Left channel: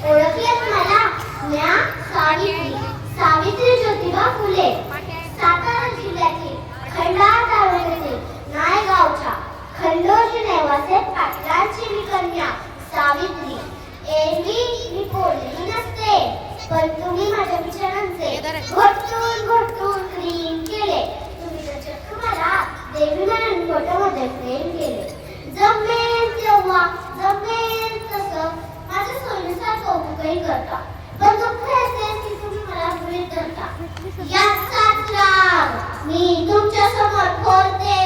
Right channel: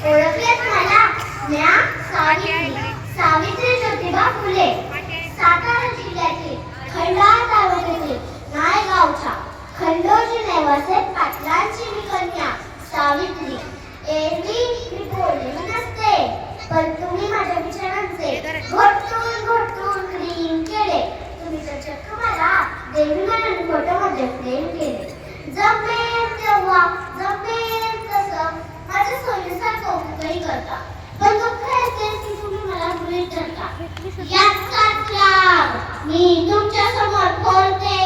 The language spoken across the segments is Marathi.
ओळखलेत मला? म्या सावित्री ज्योतिबा फुले, सातारा जिल्ह्यातील खंडाळा तालुक्यातील नायगावच्या खंडोजी नेवासे पाटलांची मी कन्या सावित्री. एरवी मी बोललेली नसते, पण तुम्ही माझ्या विचारांचे घोटून क्लीन केले. तुम्ही तर चक्क मला देवी म्हणून फोटोमध्ये फ्रेम केले. जमेल तेव्हा जमेल तसं माझ्या सोयीनुसार कौतुकही करता, पण दुःख असेल की तुम्ही मला गृहीत धरता. याचाच राग मी तुमच्या समोर बोलते.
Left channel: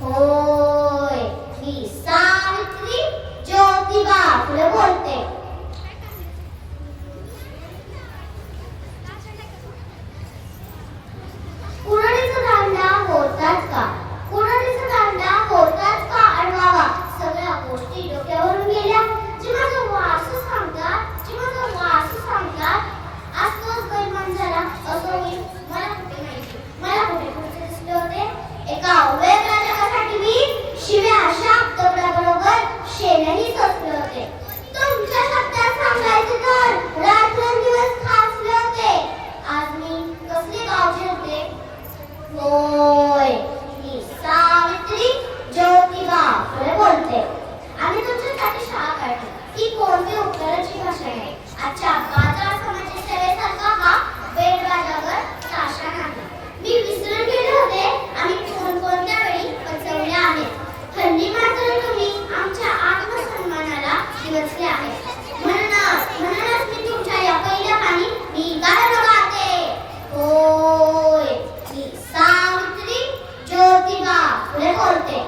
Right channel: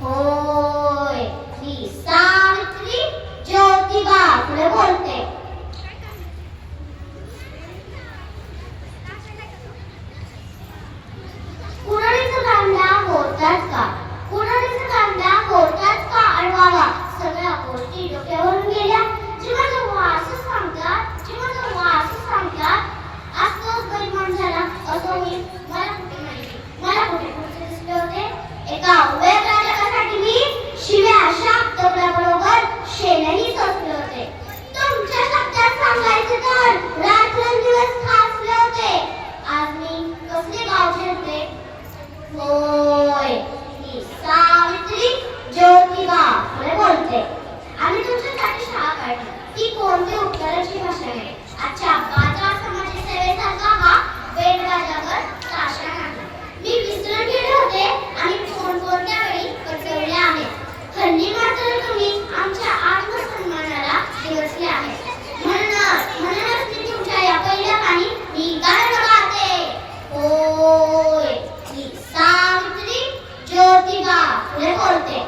होय, मी सावित्री ज्योतिबा फुले बोलते. कुणाडीचा दांडा होतात का? कुणाडीचा दांडा होतात का अडवावा? सगळ्या गोष्टी डोक्यावरून गेल्या. जीवाचं वारस सांगतात असतोच बैमान झाला. असो मी मला कुठे माहिती, मला कुठे दिसले होते. एका वेगळ्या जगासाठी मी शिव्या शब्दाबरोबर शेणही सोसले होते. तुमच्या शब्दात सांगायचे तर रात्रंदिवस खासले होते. आज मी कसले गावचे होते? होय, मी सावित्री ज्योतिबा फुले बोलते. आम्ही तुमच्यासाठी शाळा काढली. ही कोणती उत्तराची भाषा आहे? आजच्या बाजार समाज सेवेसारखा हा बेलबाजावर साशा नाही. मी विसरून गेले होते आणि कोणत्या वेळी पचवल्या आहेत. खंडी मात्र तुम्ही आमच्या आत्मसन्मानाला दिवसले आहे. म्हणूनच मी तुमच्या या पहिल्या पाणी मी गाणं गाते. होय, मी सावित्री ज्योतिबा फुले बोलते.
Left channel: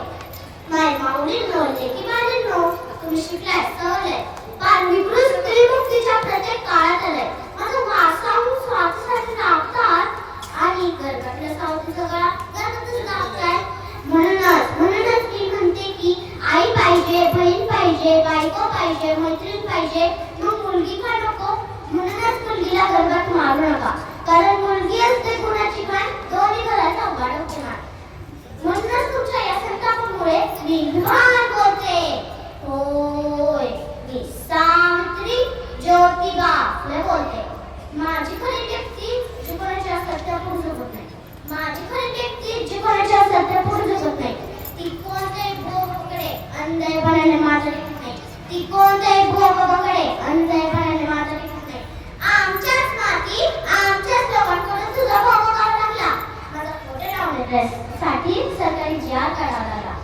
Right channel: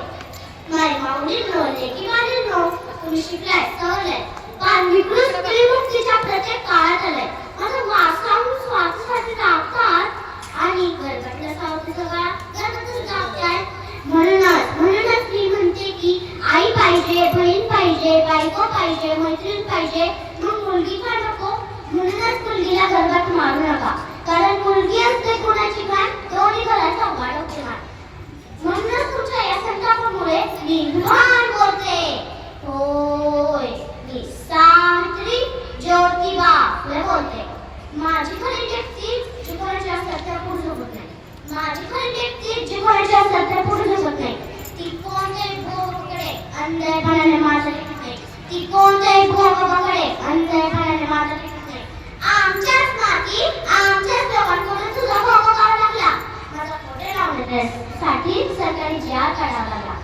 माझे माऊली बोलते की माझे नो तुम्ही शिकलाय सवलय, कारण विकृत स्त्रीमुक्तीच्या प्रत्येक काळात आलाय. माझं वासाहून स्वार्थीसाठी जागतात आणि गरबातल्या सावतीचा काळा गरबातच जागताय. म्हणूनच मी म्हणते की आई पाहिजे, बहीण पाहिजे, बायको पाहिजे, मैत्रीण पाहिजे, मग मुलगी का नको? म्हणूनच मुलगीला गरबात मारू नका, कारण मुलगी असते कुणाची काय दोन्ही घराचा उघाड होणार. म्हणूनच तुमच्या या संतापामुळे मी विमान बोलते. होय, मी सावित्री ज्योतिबा फुले बोलते. माझी खरी व्यक्ती जी कोणाच्या सत्या पुढे झोपत नाही. माझी खरी व्यक्ती जी कोणाच्या सत्या पुढे झोपत नाही. ती कोणत्याही भोगाकडे अंधळेपणाने माझं लेखत नाही. ती कोणत्याही भोगाकडे अंधळेपणाने माझं लेखत नाही. आमच्याच माती आमच्याच लोकांकडून तुझा भोग काढावा लागला. माझा खोटे लावण्यासाठी सरकारी जार काढावा लागला.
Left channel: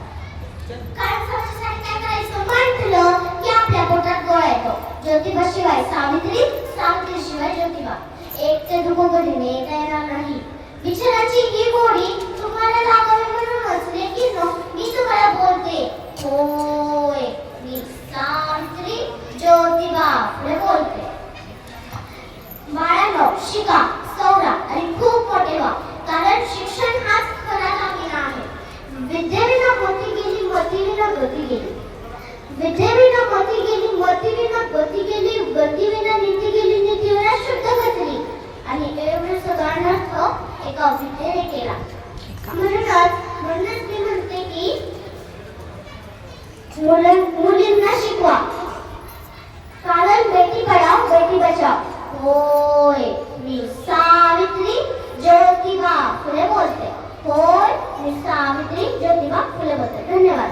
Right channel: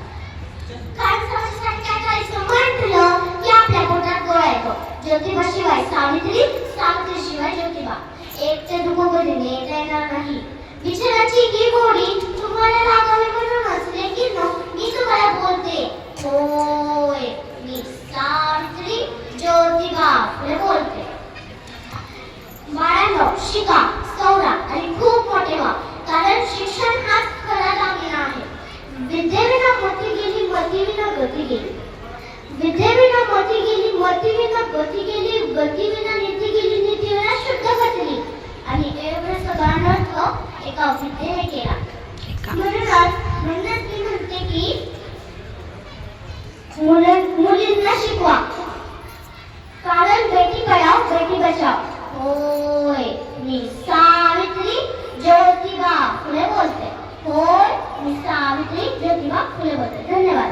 कारण समाजासाठी काय करायचं म्हटलं की आपल्या पोटात गोळा येतो. ज्योतिबा शिवाय सावित्री, सावित्री शिवाय ज्योतिबा. एक ते दुःख कधी नेता येणार नाही. विचाराची ही गोडी तुम्हाला लागावी म्हणूनच लेकीनो मी तुम्हाला बोलते. होय, मी सावित्री ज्योतिबा फुले बोलते. बाळांनो, शिका, सवरा आणि खूप मोठे व्हा, कारण शिक्षण हाच खरा दागिना आहे. विद्येविना मोती गेली, मतीविना गती गेली. विद्येविना मोती गेली, मतीविना गती गेली, गतीविना नीती गेली, नीतीविना शुद्ध गती. आणि एवढं सगळं अर्थ एका विद्येने केला. म्हणूनच मी म्हणते की मुलींना शिकवा, कारण बेटी पढाओ बेटी बचाओ. होय, मी सावित्री ज्योतिबा फुले बोलते. होय, मी सावित्री ज्योतिबा फुले बोलते. धन्यवाद.